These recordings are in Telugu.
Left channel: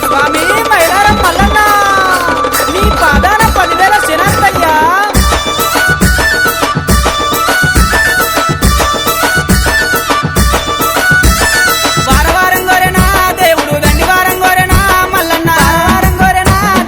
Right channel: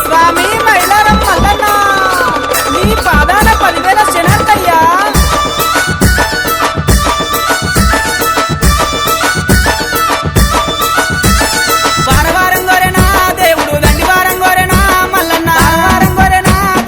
స్వామి మైలారం మల్లనా నీ పాదన పల్లె శరణయ్యా వారవారం గోరెనా దేవుడు దండివారం గోరెనా మల్లన్న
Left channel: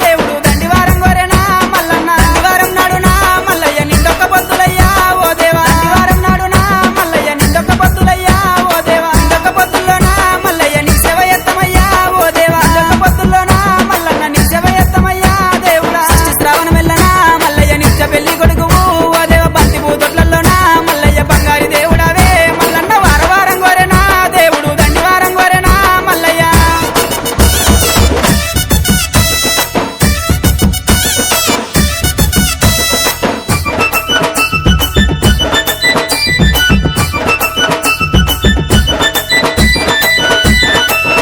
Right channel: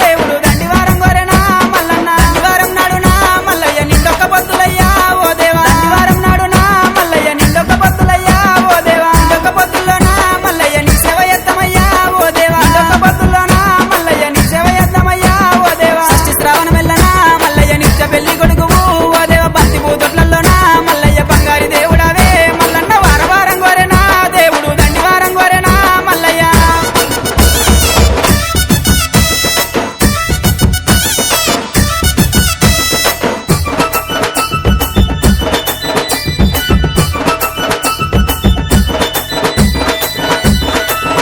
దేవుడు దండివారం గోరెనా మల్లన్న దండివారం నాడునా మల్లయ్య నిండొక్క పొద్దులయ్యా ఓ దేవా దండివారం నాడునా మల్లయ్య నిండొక్క పొద్దులయ్యా ఓ దేవా నిండొక్క పొద్దుల్లోనా మల్లయ్య నీ సేవ ఎత్తమయ్యా ఓ దేవా నిండొక్క పొద్దుల్లోనా మల్లయ్య నీ సేవ ఎత్తమయ్యా ఓ దేవా షష్ఠి శ్రావణ మెల్లనా మల్లయ్య నిత్య పెళ్లి కొడుకువు ఓ దేవ బంతి పూతొట్లలోనా మల్లయ్య బంగారి దేవుడవే మల్లన్న వారవారం గోరెనా దేవుడు దండివారం గోరెనా మల్లయ్య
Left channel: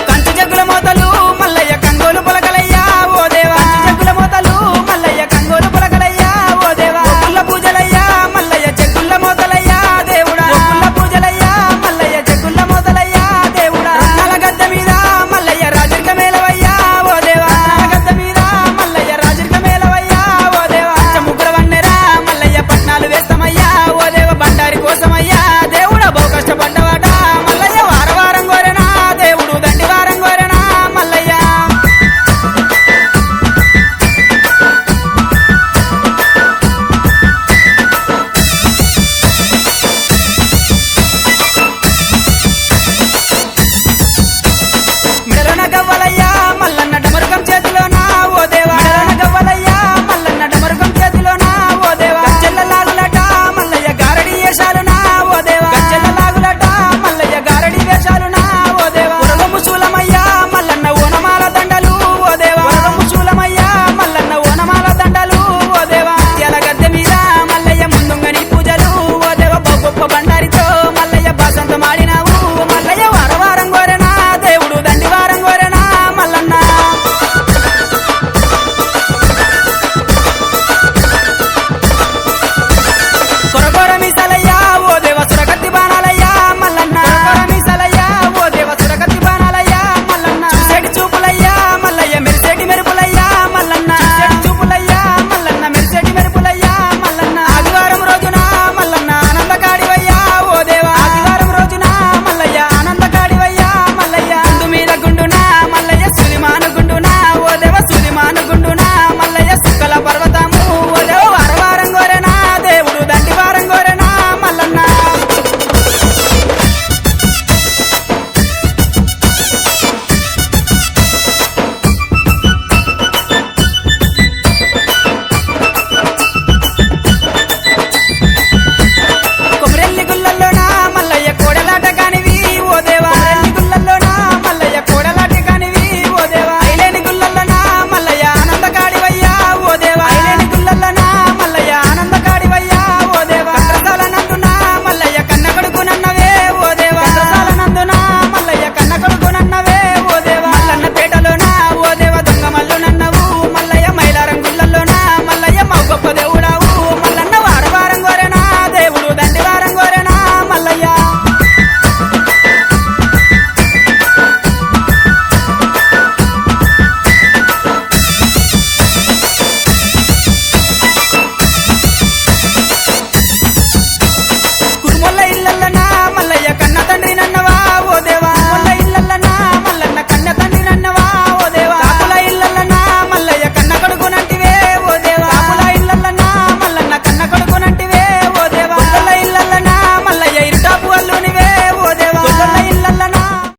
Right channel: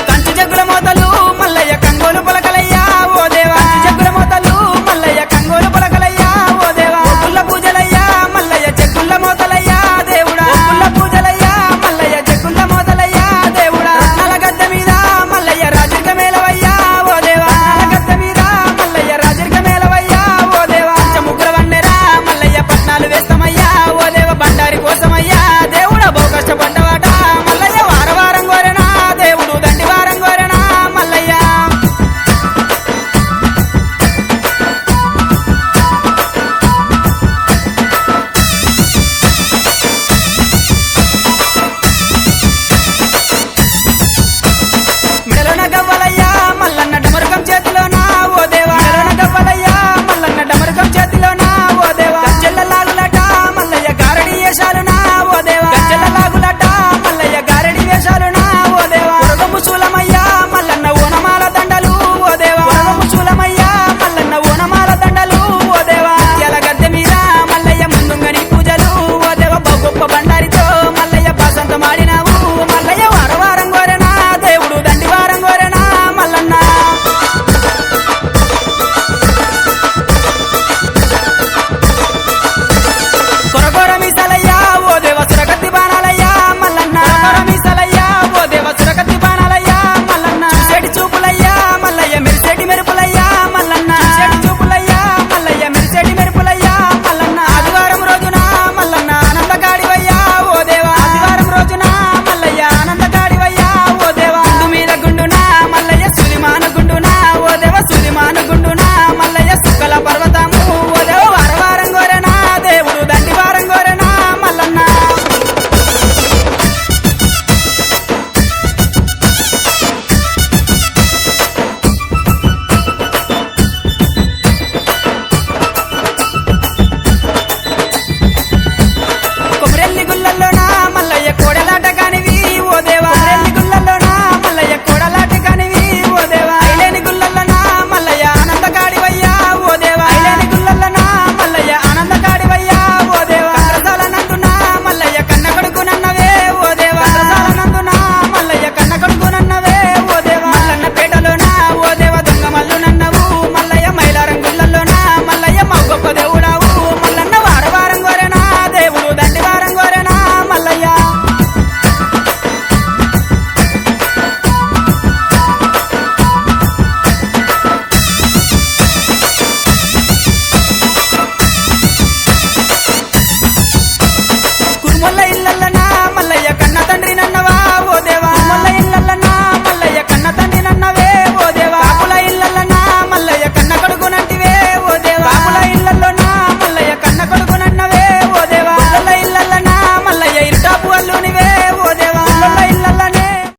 కంచి జగ్గుల మోతలు మల్లయ్య కంగోలు పొలకలయ్యా ఓ దేవా జగ్గుల మోతలు మల్లయ్య కంగోలు పొలకలయ్యా ఓ దేవా గుల్ల పూజలయ్యా మల్లయ్య జగ్గుల్ల మోతలయ్యా దేవుడా గుల్ల పూజలయ్యా మల్లయ్య జగ్గుల్ల మోతలయ్యా దేవుడా రత్నాల గద్దె మీద మల్లయ్య రాజర్గ మేలవయ్యా ఓ దేవా గద్దె మీద మల్లయ్య రాజర్గ మేలవయ్యా ఓ దేవా పంచముగ్గుల వన్నెరా మల్లయ్య పట్నాలు వేస్తామయ్యా ఓ దేవ బండారి కోసమయ్యా దేవుడా బహు కష్టపడ్డవాట మల్లయ్య వారవారం గోరెనా దేవుడు దండివారం గోరెనా మల్లయ్య మెడలోన గవ్వలయ్యా మల్లన్న డమరుగం చేతిలోనా ఓ దేవా గవ్వలయ్యా మల్లన్న డమరుగం చేతిలోనా ఓ దేవా గజ్జెల్ల లాగులట మల్లయ్య గారడి వేషాలునా ఓ దేవా గజ్జెల్ల లాగులట మల్లయ్య గారడి వేషాలునా ఓ దేవా ఉరగము శూలమయ్యా మల్లన్న ఓనమాల దండలు ఓ దేవా శూలమయ్యా మల్లన్న ఓనమాల దండలు ఓ దేవా ముత్యాల గద్దె మీద మల్లయ్య ముందుంగని పూజలు ఓ దేవ బహు గొప్ప బండారితో మల్లయ్య బాసంతమాడినావు మల్లయ్య వారవారం గోరెనా దేవుడు దండివారం గోరెనా మల్లన్న కొరకొర మీసలయ్యా ఓ దేవ సురగతి బాణాలయ్యా మల్లన్న మీసలయ్యా ఓ దేవ సురగతి బాణాలయ్యా మల్లన్న చూసేటి చూపులయ్యా మల్లయ్య మెరిసేటి మెరుపులయ్యా మల్లన్న చూపులయ్యా మల్లయ్య మెరిసేటి మెరుపులయ్యా మల్లన్న ఆదివారం రోజున మల్లన్న ఆనందకాడివయ్యా ఓ దేవా ఆదివారం రోజున మల్లయ్య ఆనందకాడివయ్యా ఓ దేవా గుండు మీద గుండునా మల్లయ్య సులిమాను గుండునా ఓ దేవ సులిమాను గుండునా మల్లయ్య సుక్కల పర్వతము ఓ దేవ వారవారం గోరెనా దేవుడు దండివారం గోరెనా మల్లన్న కొమరెల్లి గుల్లల్లోనా మల్లయ్య కోడెల